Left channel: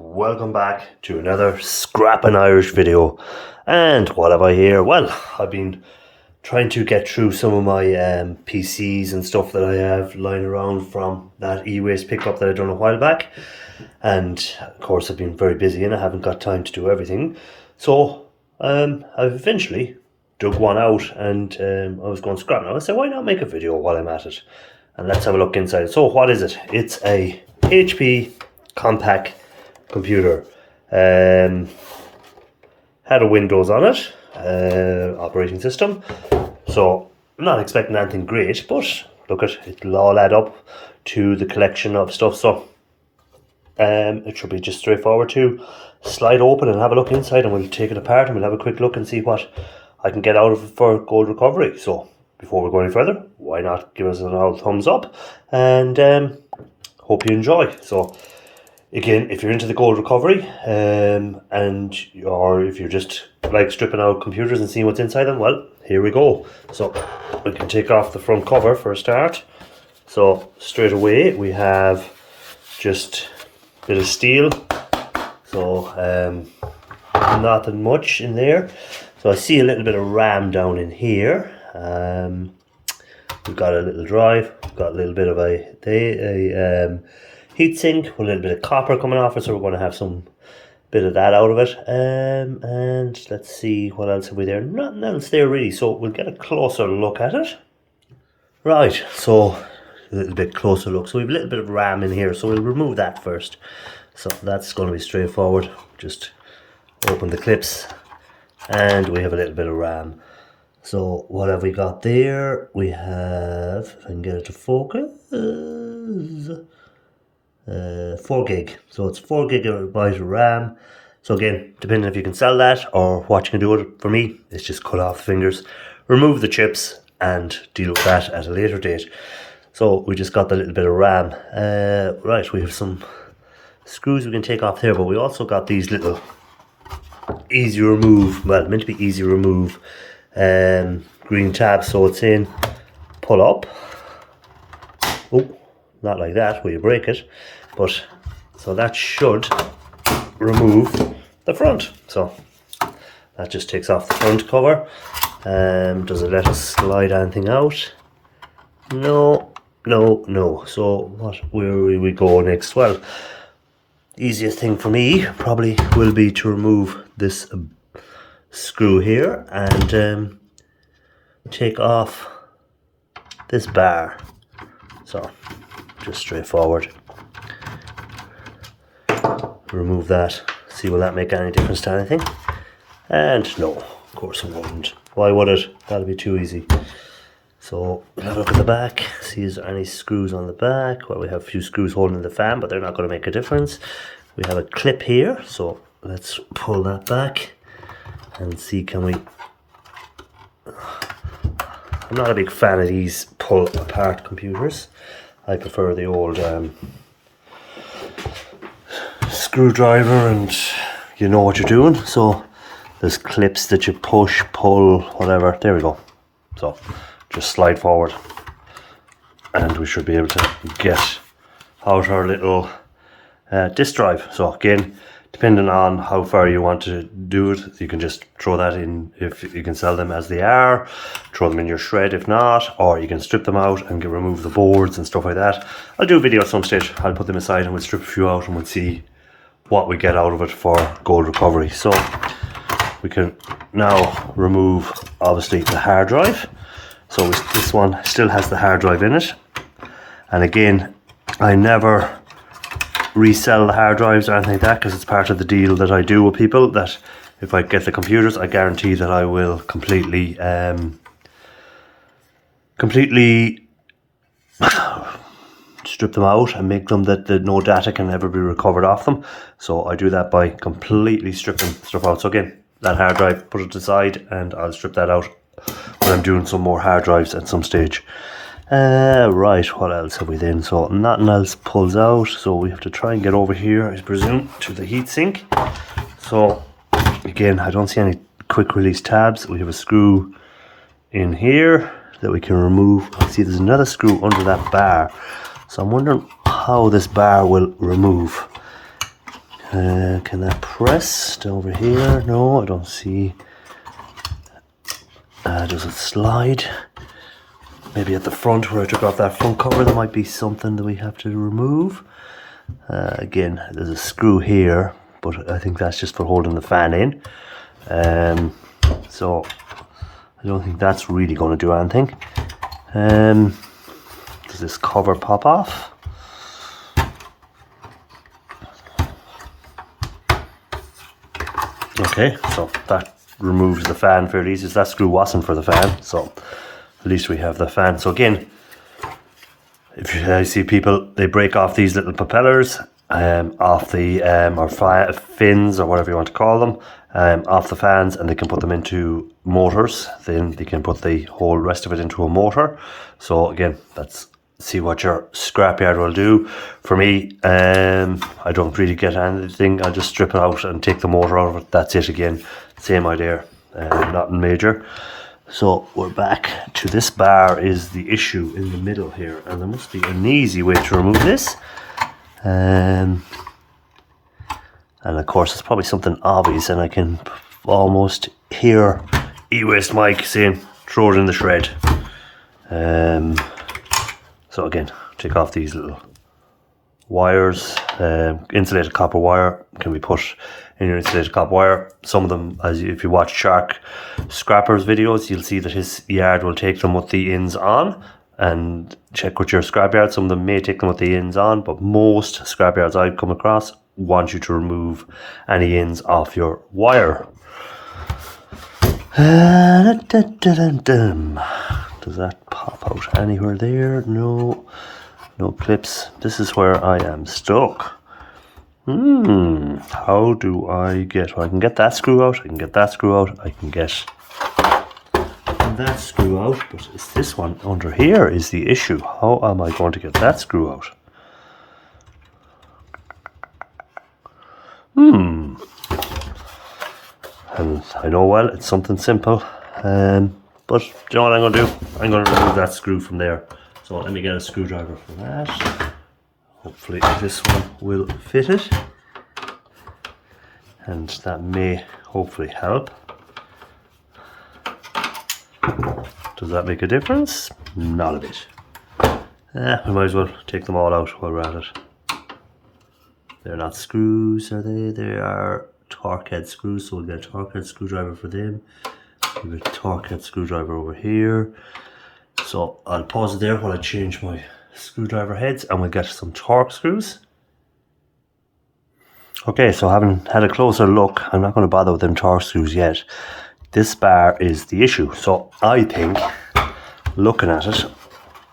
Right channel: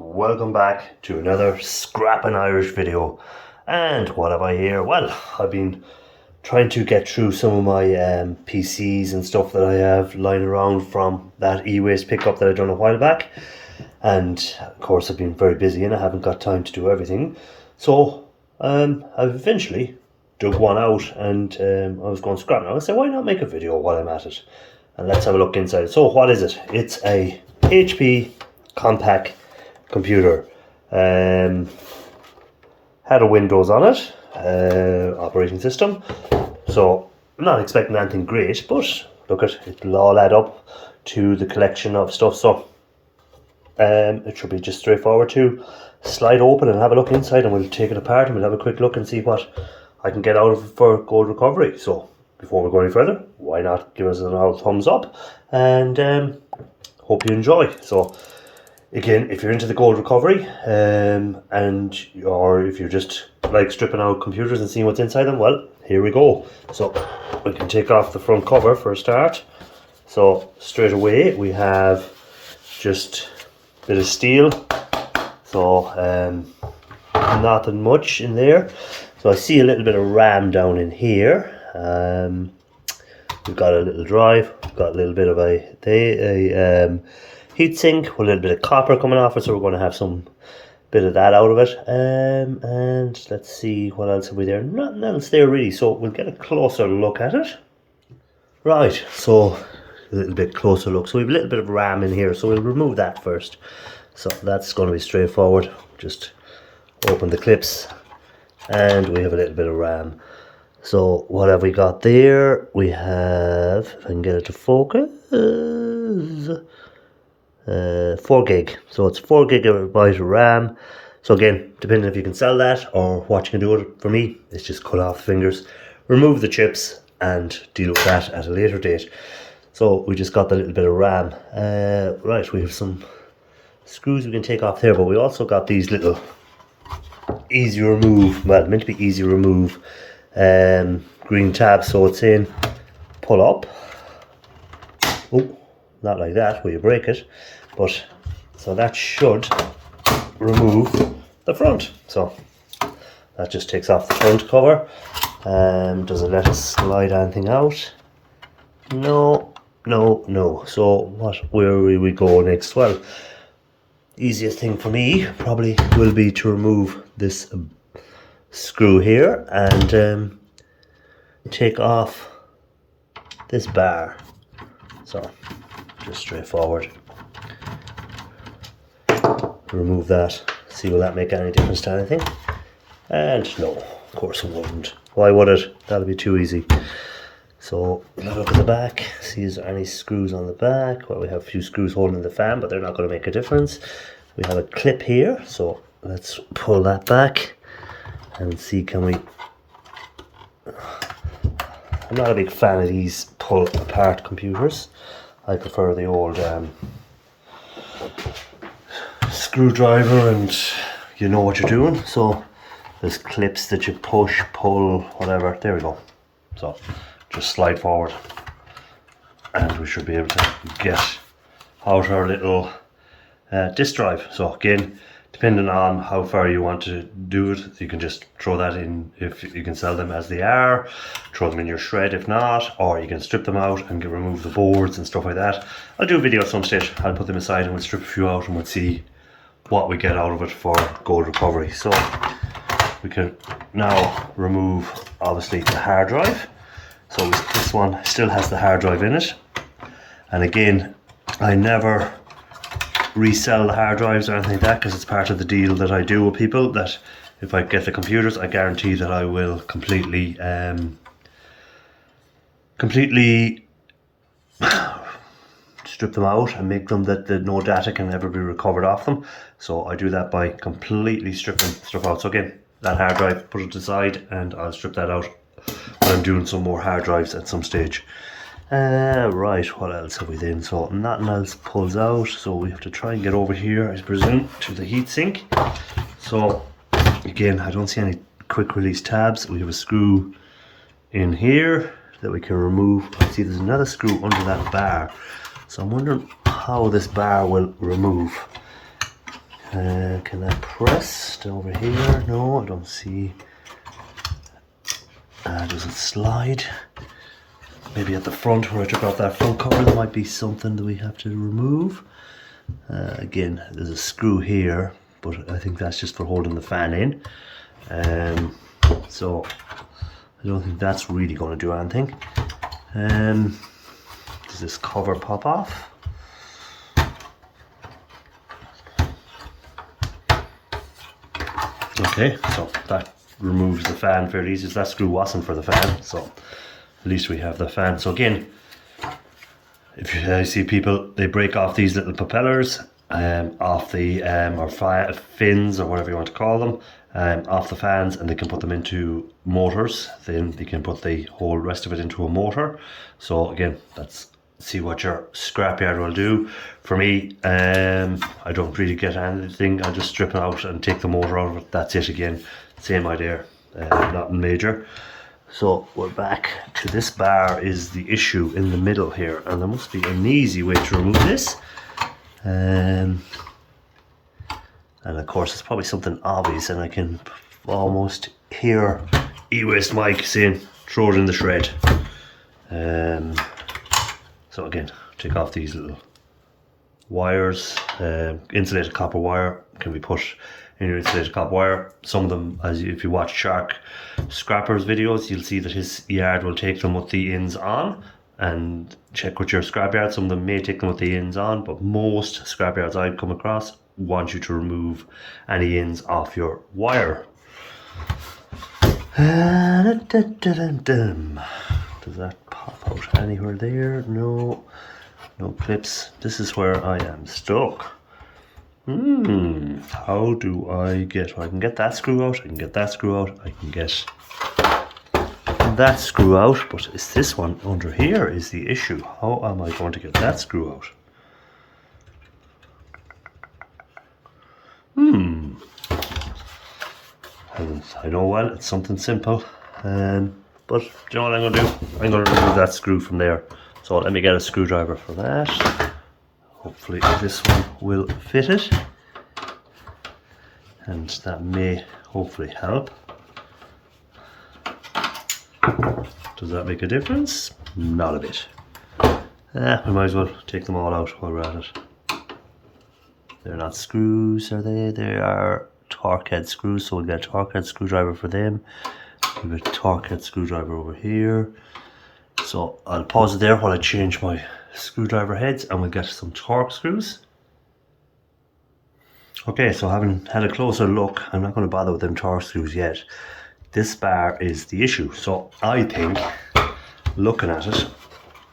welcome back to another Scrappin' Irish video. And what have I here? Well, I've been trying to get through some of my PCs and stuff that I have lying around from that e-waste pickup that I done a while back. And of course I've been very busy and I haven't got time to do everything. So I've eventually dug one out and I was going scrapping. I said, why not make a video while I'm at it? And let's have a look inside. So what is it? It's a HP compact computer. Had a Windows on it, operating system. So I'm not expecting anything great, but look at it'll all add up to the collection of stuff. So it should be just straightforward to slide open and have a look inside, and we'll take it apart and we'll have a quick look and see what I can get out of it for gold recovery. So before we go any further, why not give us an old thumbs up and hope you enjoy. So again, if you're into the gold recovery or if you're just like stripping out computers and seeing what's inside them, well, here we go. So we can take off the front cover for a start. So straight away we have just a bit of steel. So nothing much in there. So I see a little bit of RAM down in here. We've got a little drive, we've got a little bit of a heatsink with a little bit of copper coming off it, so we're going to have some bit of that out of it. And let's see what else have we there. Nothing else there really, so we'll get a closer look at it. Right, so a little bit closer look. So we have a little bit of RAM in here, so we'll remove that first. So that's going to be straightforward. Just open the clips and we have a little bit of RAM. So what have we got there? We have, if I can get it to focus, 4 gig. So it's 4 gigabyte of RAM. So again, depending if you can sell that or what you can do with it, for me, it's just cut off the fingers, remove the chips and deal with that at a later date. So we just got the little bit of RAM. Right, we have some screws we can take off there, but we also got these little easy remove, well, meant to be easy remove green tabs. So it's in, pull up. Oh, not like that where you break it, but so that should remove the front. So that just takes off the front cover. Does it let us slide anything out? No. So where will we go next? Well, easiest thing for me probably will be to remove this screw here and take off this bar. So just straightforward, remove that. See, will that make any difference to anything? And no, of course it wouldn't. Why would it? That'll be too easy. So have a look at the back, see is there any screws on the back. Well, we have a few screws holding the fan, but they're not going to make a difference. We have a clip here, so let's pull that back and see, can we... I'm not a big fan of these pull apart computers. I prefer the old screwdriver, and you know what you're doing. So there's clips that you push, pull, whatever. There we go. So just slide forward and we should be able to get out our little disk drive. So again, depending on how far you want to do it, you can just throw that in. If you can sell them as they are, throw them in your shred if not, or you can strip them out and remove the boards and stuff like that. I'll do a video at some stage. I'll put them aside and we'll strip a few out and we'll see what we get out of it for gold recovery. So we can now remove obviously the hard drive. So this one still has the hard drive in it, and again, I never resell the hard drives or anything like that, because it's part of the deal that I do with people, that if I get the computers, I guarantee that I will completely strip them out and make them that no data can ever be recovered off them. So I do that by completely stripping stuff out. So again, that hard drive, put it aside, and I'll strip that out when I'm doing some more hard drives at some stage. Right, what else have we then? So nothing else pulls out, so we have to try and get over here, I presume, to the heatsink. So again, I don't see any quick release tabs. We have a screw in here that we can remove. See, there's another screw under that bar, so I'm wondering how this bar will remove. Can that press over here? No, I don't see. Does it slide? Maybe at the front where I took off that front cover, there might be something that we have to remove. Again, there's a screw here, but I think that's just for holding the fan in. So I don't think that's really going to do anything. Does this cover pop off? Okay, so that removes the fan fairly easy. That screw wasn't for the fan, so at least we have the fan. So again, if you see people, they break off these little propellers off the or fins or whatever you want to call them, off the fans, and they can put them into motors. Then they can put the whole rest of it into a motor. So again, that's see what your scrapyard will do. For me, I don't really get anything. I just strip it out and take the motor out of it. That's it again. Same idea, nothing major. So we're back to this bar is the issue in the middle here, and there must be an easy way to remove this. And of course it's probably something obvious, and I can almost hear E-Waste Mike saying throw it in the shred. So again, take off these little wires. Insulated copper wire can be put in your insulated copper wire. Some of them, if you watch Shark Scrappers videos, you'll see that his yard will take them with the ends on, and check with your scrapyard. Some of them may take them with the ends on, but most scrapyards I've come across want you to remove any ends off your wire. Does that pop out anywhere there? No, no clips. This is where I am stuck. How do I get? Well, I can get that screw out. I can get that screw out. I can get that screw out. But it's this one under here is the issue. How am I going to get that screw out? And I know well it's something simple. But you know what I'm going to do? I'm going to remove that screw from there. So let me get a screwdriver for that. Hopefully this one will fit it. And that may hopefully help. Does that make a difference? Not a bit. We might as well take them all out while we're at it. They're not screws, are they? They are torque head screws, so we'll get a torque head screwdriver for them. We have a torque head screwdriver over here. So I'll pause it there while I change my screwdriver heads, and we'll get some torque screws. Okay, so having had a closer look, I'm not going to bother with them torque screws yet. This bar is the issue. So I think, looking at it,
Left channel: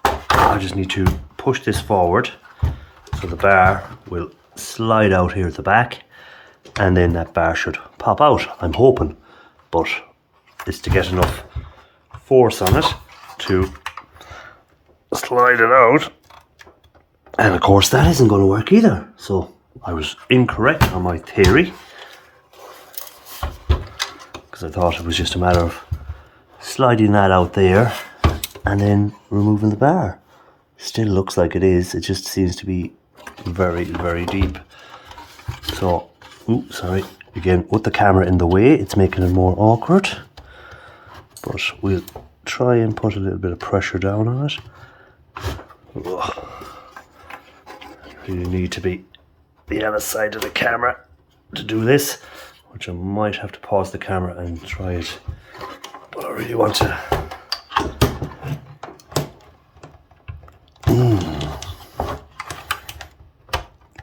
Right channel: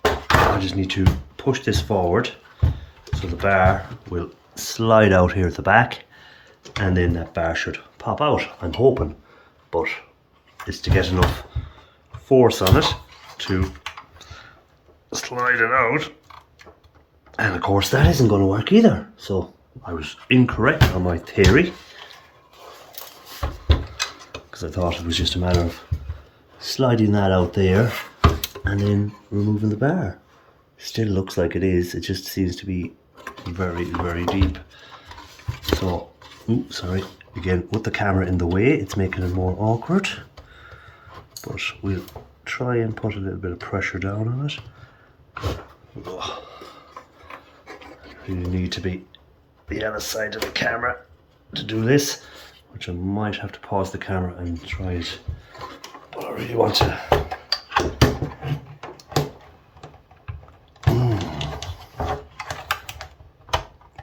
I just need to push this forward so the bar will slide out here at the back, and then that bar should pop out, I'm hoping. But it's to get enough force on it to slide it out, and of course that isn't going to work either. So I was incorrect on my theory, because I thought it was just a matter of sliding that out there and then removing the bar. Still looks like it is, it just seems to be very, very deep. So, sorry, again, with the camera in the way, it's making it more awkward. But we'll try and put a little bit of pressure down on it. You need to be the other side of the camera to do this, which I might have to pause the camera and try it. But I really want to.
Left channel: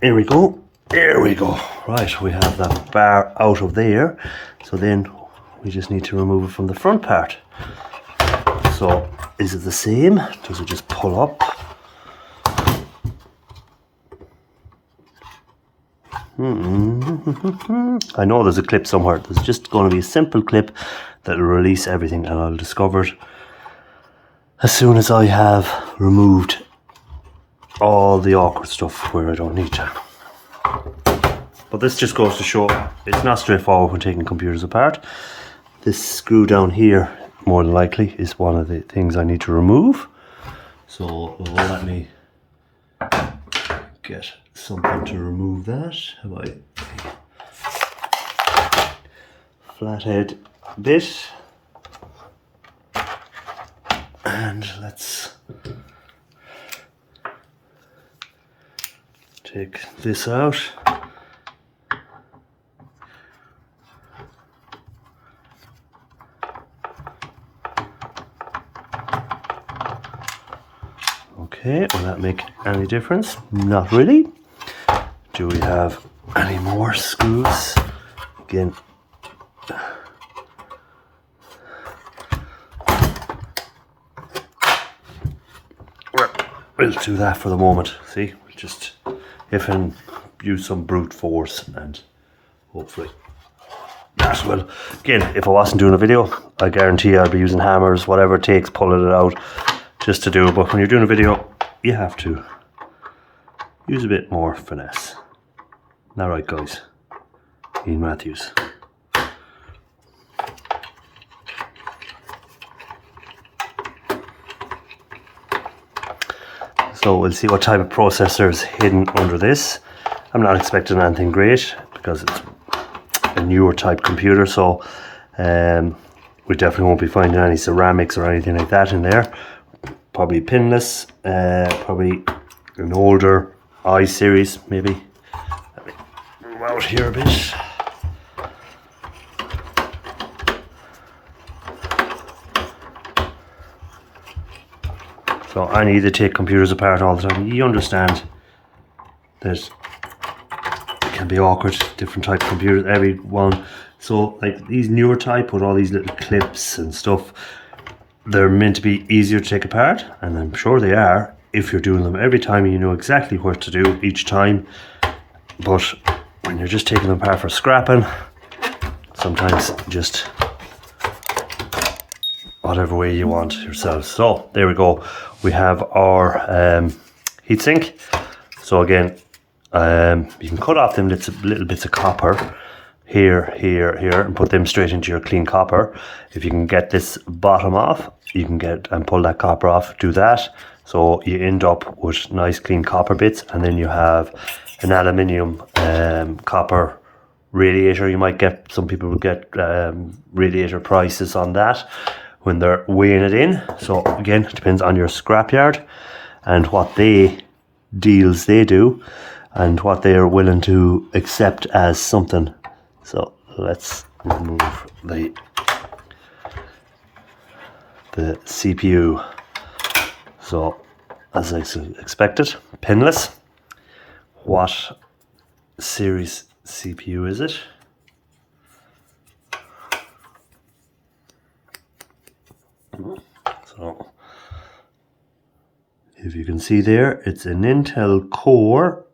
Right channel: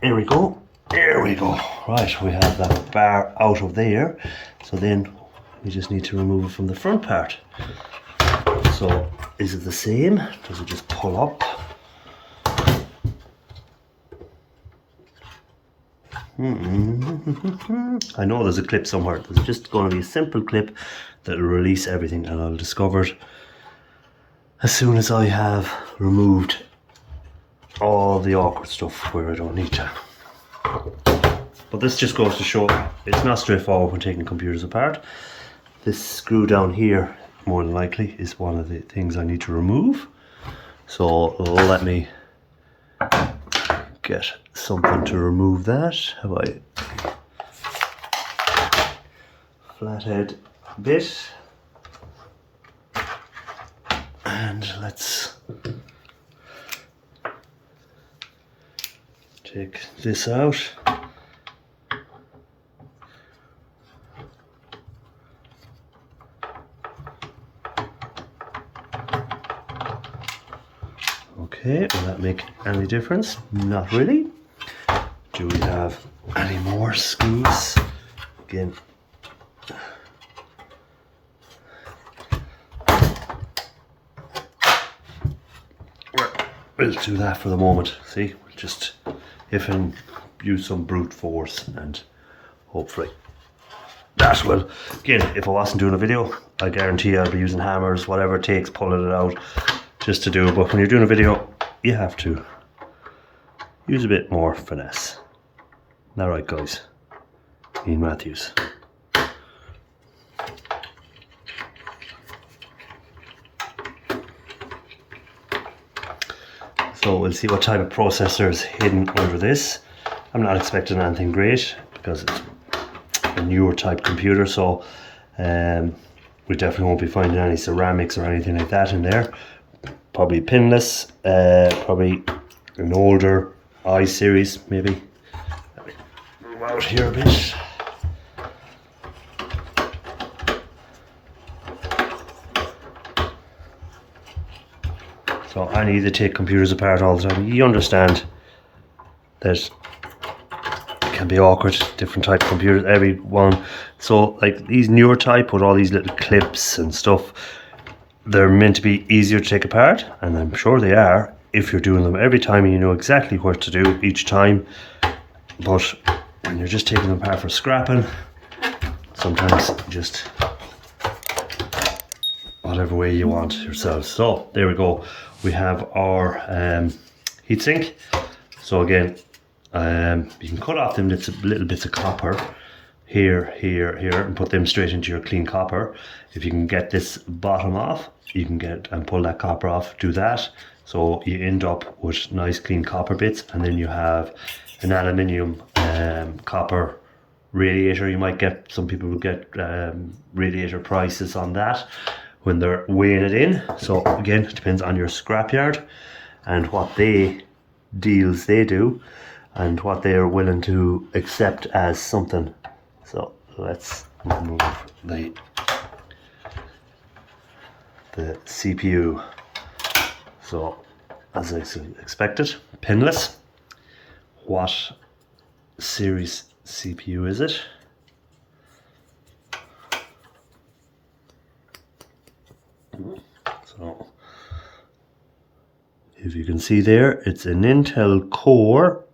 Here we go. There we go. Right, we have that bar out of there. So then we just need to remove it from the front part. So is it the same? Does it just pull up? I know there's a clip somewhere. There's just going to be a simple clip that will release everything, and I'll discover it as soon as I have removed all the awkward stuff where I don't need to. But this just goes to show it's not straightforward when taking computers apart. This screw down here, more than likely, is one of the things I need to remove. So let me get something to remove that. Have I flathead bit? And let's take this out. Okay, will that make any difference? Not really. Do we have any more screws? Again, we'll do that for the moment. See, we'll just use some brute force, and hopefully that will. Again, if I wasn't doing a video, I guarantee I'll be using hammers, whatever it takes, pulling it out just to do it. But when you're doing a video, you have to use a bit more finesse. All right, guys. Ian Matthews. So we'll see what type of processor is hidden under this. I'm not expecting anything great because it's a newer type computer, so we definitely won't be finding any ceramics or anything like that in there. Probably pinless, probably an older i-series maybe. Move out here a bit. So I need to take computers apart all the time. You understand that it can be awkward, different type of computers, every one. So like these newer type with all these little clips and stuff, they're meant to be easier to take apart, and I'm sure they are if you're doing them every time and you know exactly what to do each time. But when you're just taking them apart for scrapping, sometimes just whatever way you want yourself. So there we go. We have our heatsink. So again, you can cut off them little bits of copper here, and put them straight into your clean copper. If you can get this bottom off, you can get and pull that copper off, do that. So you end up with nice clean copper bits, and then you have an aluminium copper radiator. You might get, some people will get radiator prices on that when they're weighing it in. So again, it depends on your scrapyard and what deals they do and what they are willing to accept as something. So let's remove the CPU. So as I expected, pinless. What series CPU is it? So if you can see there, it's an Intel Core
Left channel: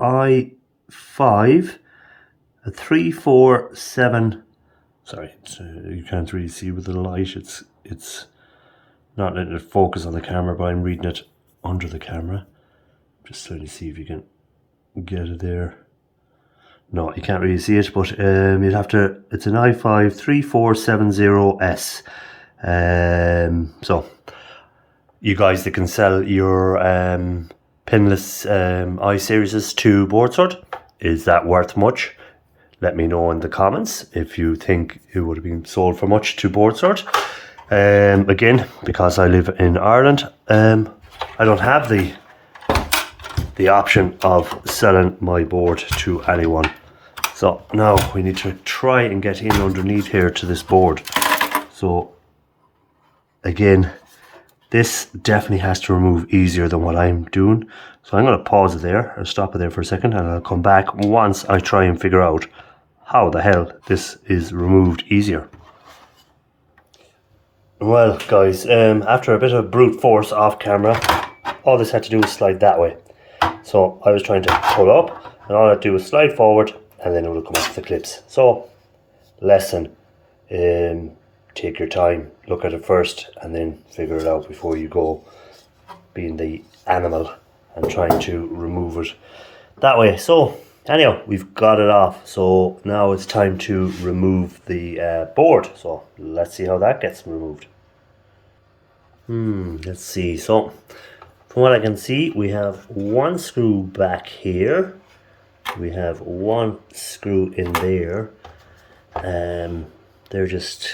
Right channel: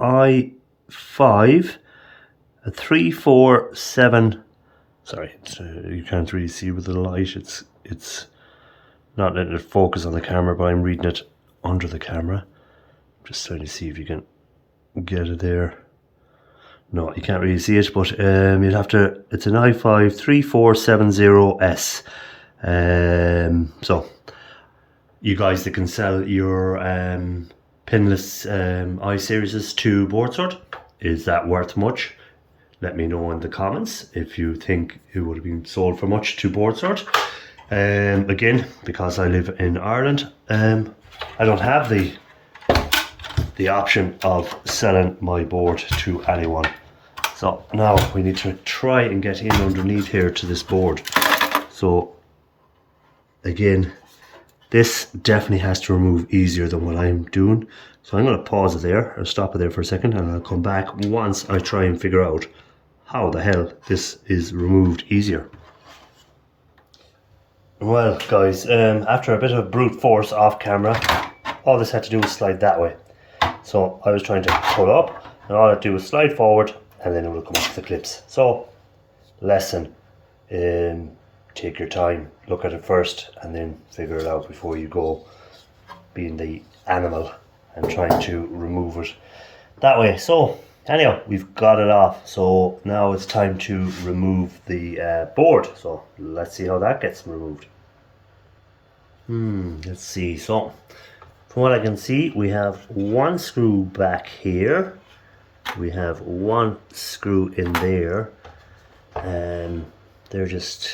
i5, a 347. Sorry, you can't really see with the light. It's not letting it focus on the camera, but I'm reading it under the camera. Just trying to see if you can get it there. No, you can't really see it, but you'd have to. It's an i5 3470S. So you guys that can sell your pinless i-series to BoardSword, is that worth much? Let me know in the comments if you think it would have been sold for much to BoardSword. Again, because I live in Ireland, I don't have the option of selling my board to anyone. So now we need to try and get in underneath here to this board. So again, this definitely has to remove easier than what I'm doing. So I'm going to pause it there, or stop it there for a second, and I'll come back once I try and figure out how the hell this is removed easier. Well guys, after a bit of brute force off camera, all this had to do was slide that way. So I was trying to pull up, and all I had to do was slide forward, and then it would come off the clips. So, lesson, take your time, look at it first, and then figure it out before you go being the animal and trying to remove it that way. So anyhow, we've got it off. So now it's time to remove the board. So let's see how that gets removed. Let's see. So from what I can see, we have one screw back here. We have one screw in there. They're just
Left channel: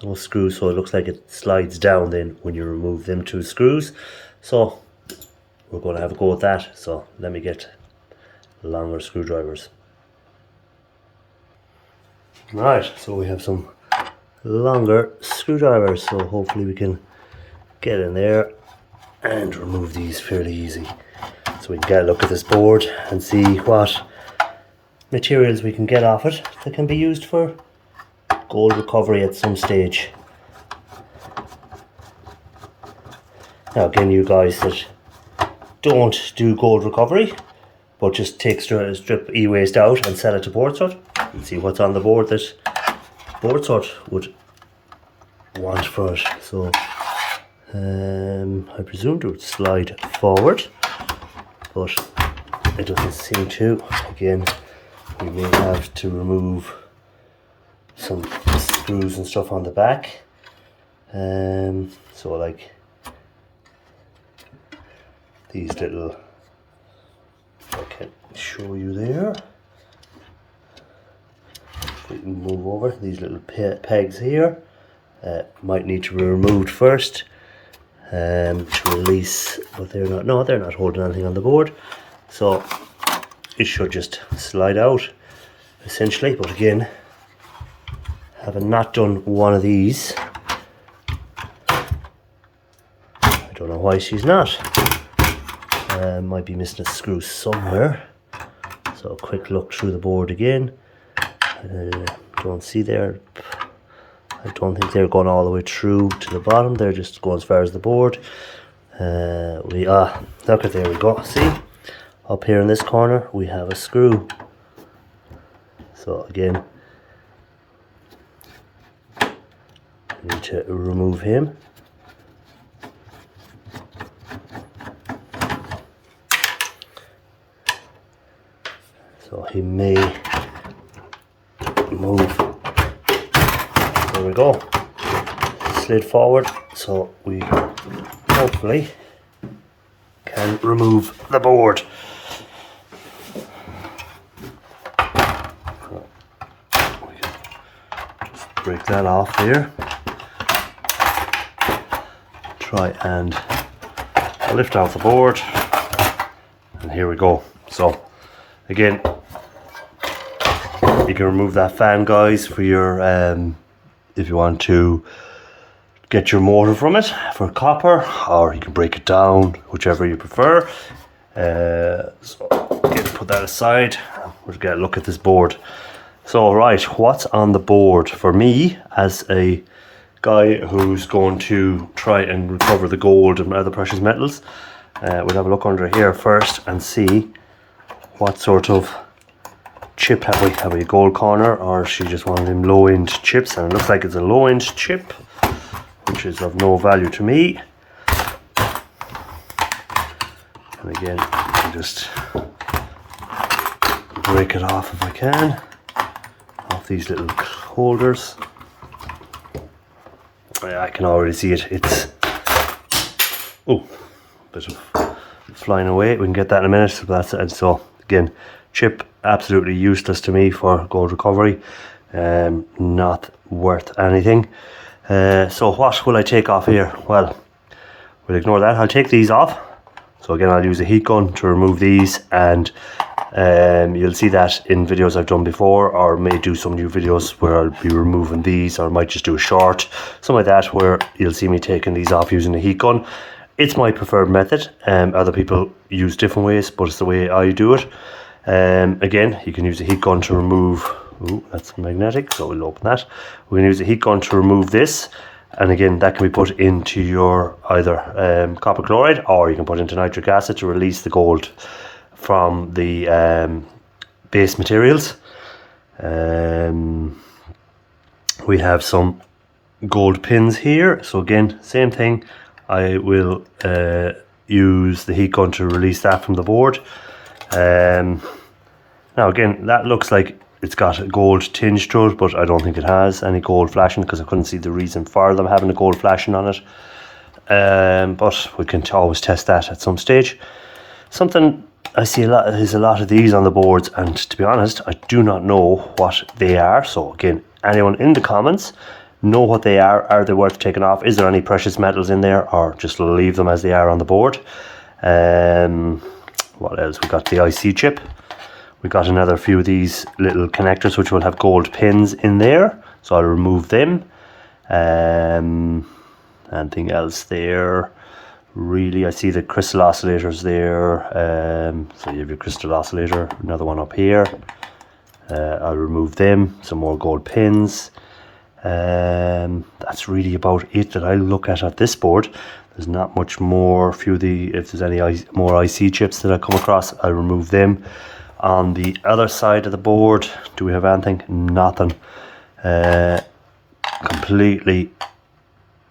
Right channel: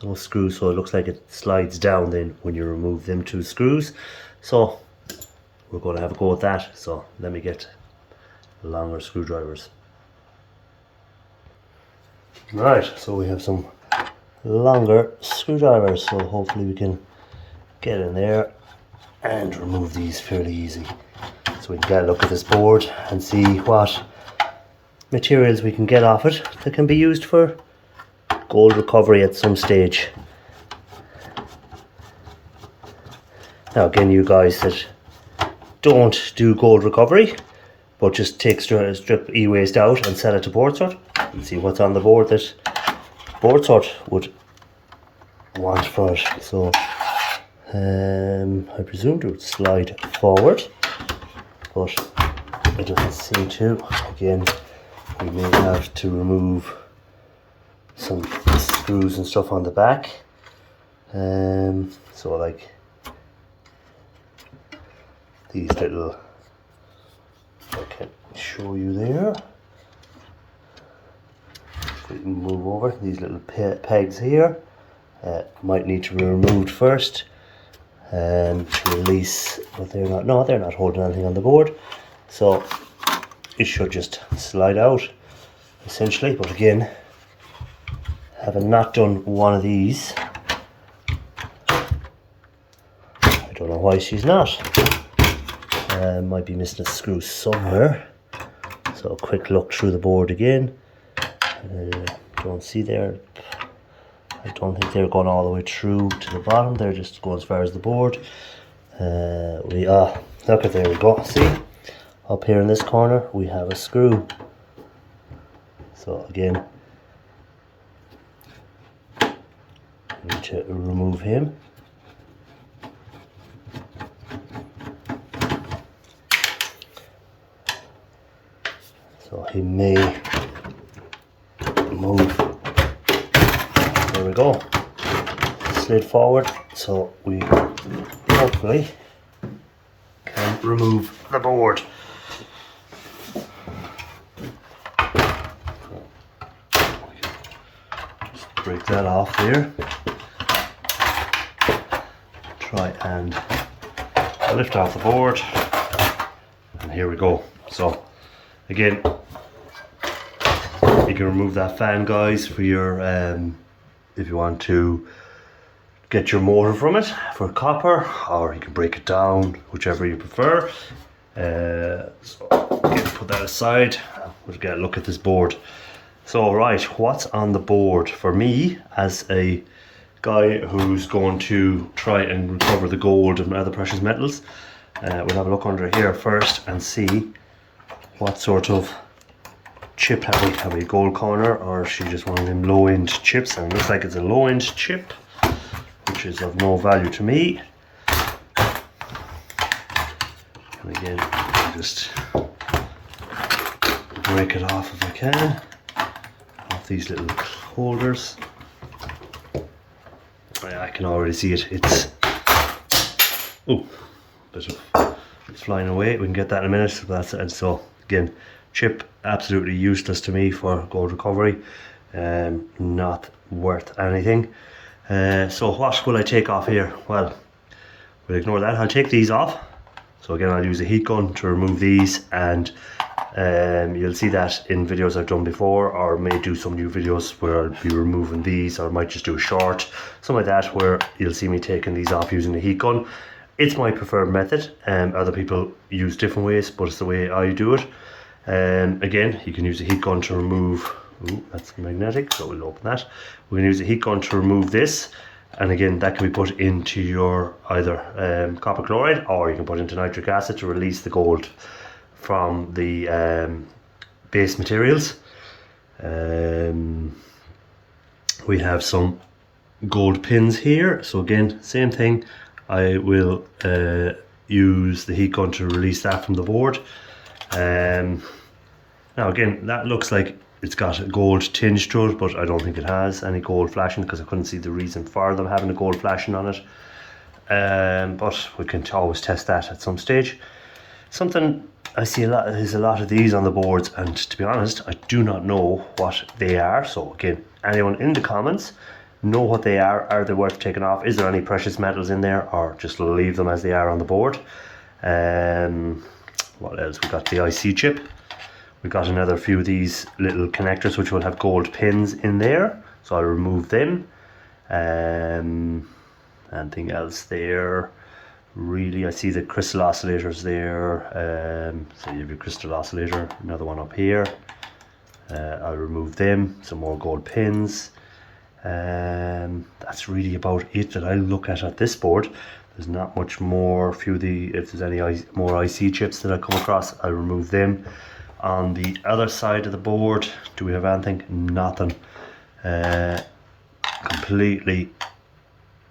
those screws, so it looks like it slides down then when you remove them two screws. So we're going to have a go at that. So let me get longer screwdrivers. Right, so we have some longer screwdrivers, so hopefully we can get in there and remove these fairly easy. So we can get a look at this board and see what materials we can get off it that can be used for gold recovery at some stage. Now again, you guys that don't do gold recovery but just take strip e-waste out and sell it to board sort, and see what's on the board that board sort would want for it. So I presumed it would slide forward, but it doesn't seem to. Again, we may have to remove some screws and stuff on the back. So like these little, I can show you there. We can move over these little pegs here. Might need to be removed first to release, but they're not holding anything on the board, so it should just slide out essentially. But again, having not done one of these, I don't know why she's not. Might be missing a screw somewhere. So a quick look through the board again. Don't see there. I don't think they're going all the way through to the bottom. They're just going as far as the board. Look at, there we go. See, up here in this corner we have a screw. So again, we need to remove him. So he may move. There we go. Slid forward, so we hopefully can remove the board. Just break that off here. Try and lift out the board, and here we go. So again, you can remove that fan, guys, for your if you want to get your motor from it for copper, or you can break it down, whichever you prefer. So again, put that aside. We'll get a look at this board. So right, what's on the board for me as a guy who's going to try and recover the gold and other precious metals? We'll have a look under here first and see what sort of chip have we gold corner, or she just one of them low-end chips, and it looks like it's a low-end chip, which is of no value to me. And again, I'll just break it off if I can, off these little holders. I can already see it. It's bit of flying away. We can get that in a minute. So again, chip absolutely useless to me for gold recovery, not worth anything. So what will I take off here? Well, we'll ignore that. I'll take these off. So again, I'll use a heat gun to remove these, and you'll see that in videos I've done before, or may do some new videos where I'll be removing these, or I might just do a short, something like that, where you'll see me taking these off using a heat gun. It's my preferred method. Other people use different ways, but it's the way I do it. Again, you can use a heat gun to remove, that's magnetic, so we'll open that. We can use a heat gun to remove this, and again, that can be put into your either copper chloride, or you can put into nitric acid to release the gold from the base materials. We have some gold pins here, so again, same thing. I will use the heat gun to release that from the board. Now again, that looks like it's got a gold tinge to it, but I don't think it has any gold flashing, because I couldn't see the reason for them having a gold flashing on it. but we can always test that at some stage. Something I see a lot of these on the boards, and to be honest, I do not know what they are. So again, anyone in the comments know what they are they worth taking off? Is there any precious metals in there, or just leave them as they are on the board? What else? We got the IC chip. We got another few of these little connectors which will have gold pins in there, so I'll remove them. Anything else there? Really, I see the crystal oscillators there. So you have your crystal oscillator, another one up here. I'll remove them. Some more gold pins. That's really about it that I look at this board. There's not much more. If there's any more IC chips that I come across, I'll remove them. On the other side of the board, do we have anything? Nothing. Completely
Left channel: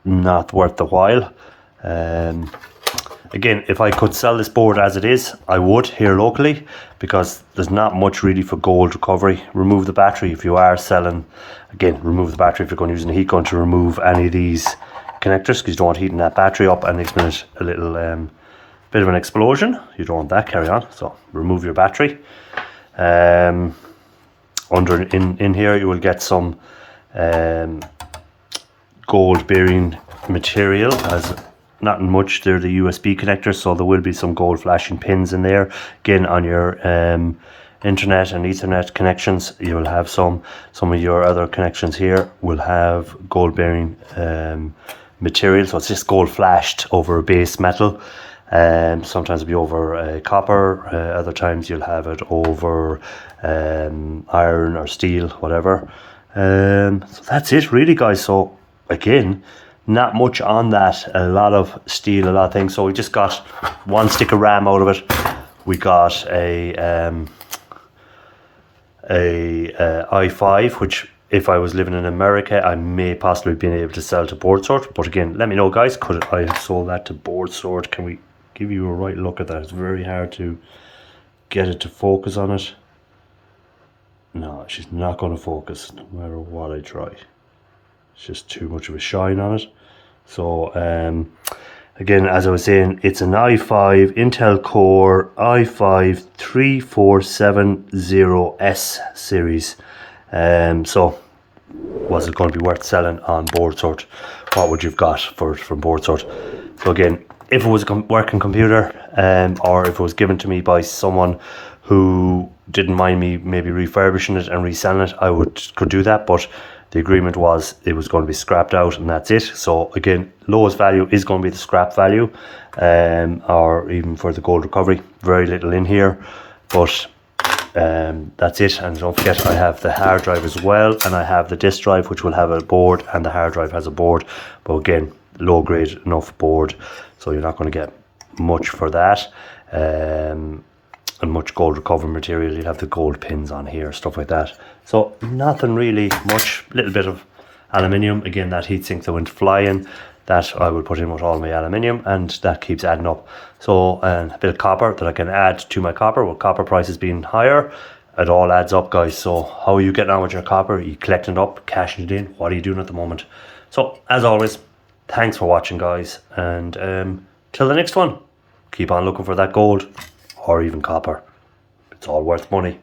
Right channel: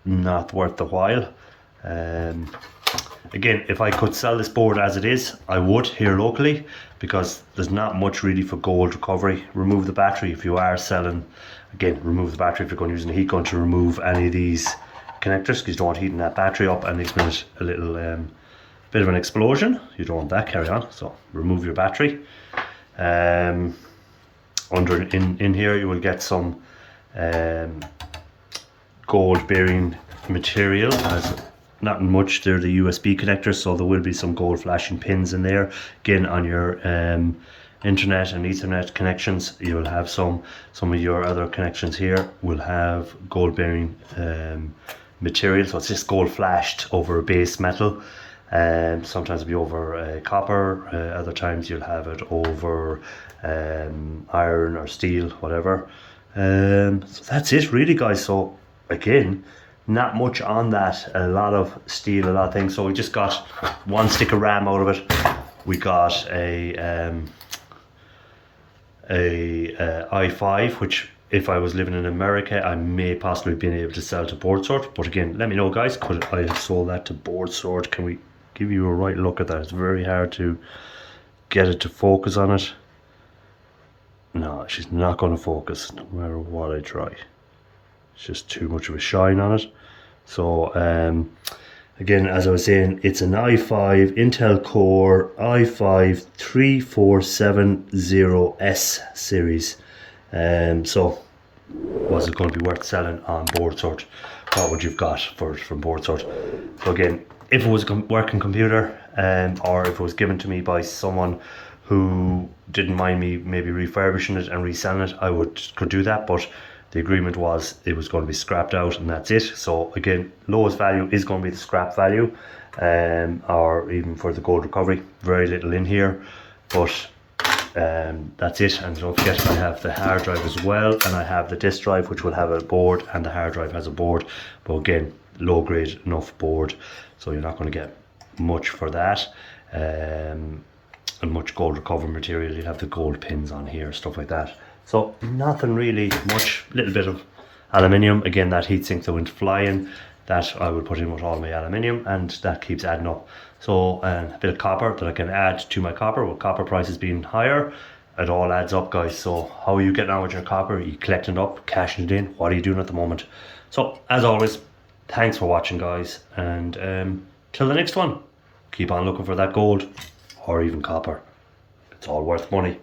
not worth the while. Again, if I could sell this board as it is, I would here locally, because there's not much really for gold recovery. Remove the battery if you are selling. Again, remove the battery if you're going to use a heat gun to remove any of these connectors, because you don't want heating that battery up and next minute a little bit of an explosion. You don't want that carry on, so remove your battery. In here you will get some gold bearing material, as not much. They're the USB connectors, so there will be some gold flashing pins in there. Again, on your internet and Ethernet connections, you will have some of your other connections here will have gold bearing material, so it's just gold flashed over a base metal. Sometimes it'll be over copper, other times you'll have it over iron or steel, whatever. So that's it really, guys. So again, not much on that. A lot of steel, a lot of things. So we just got one stick of RAM out of it. We got a i5, which if I was living in America, I may possibly been able to sell to board sort. But again, let me know, guys, could I have sold that to board sort? Can we give you a right look at that? It's very hard to get it to focus on it. No, she's not going to focus no matter what I try. It's just too much of a shine on it. So again, as I was saying, it's an i5 Intel Core i5 3470S series. So was it going to be worth selling on board sort? What would you've got for it from board sort? So again, if it was a working computer, or if it was given to me by someone who didn't mind me maybe refurbishing it and reselling it, I could do that. But the agreement was it was going to be scrapped out, and that's it. So again, lowest value is going to be the scrap value, or even for the gold recovery. Very little in here, but that's it. And don't forget, I have the hard drive as well, and I have the disk drive which will have a board, and the hard drive has a board. But again, low grade enough board, so you're not going to get much for that. And much gold recovery material. You have the gold pins on here, stuff like that. So nothing really much. Little bit of aluminium. Again, that heatsink that went flying, that I would put in with all my aluminium, and that keeps adding up. So a bit of copper that I can add to my copper. With copper prices being higher, it all adds up, guys. So how are you getting on with your copper? Are you collecting it up, cashing it in? What are you doing at the moment? So as always, thanks for watching, guys, and till the next one, keep on looking for that gold or even copper. It's all worth money.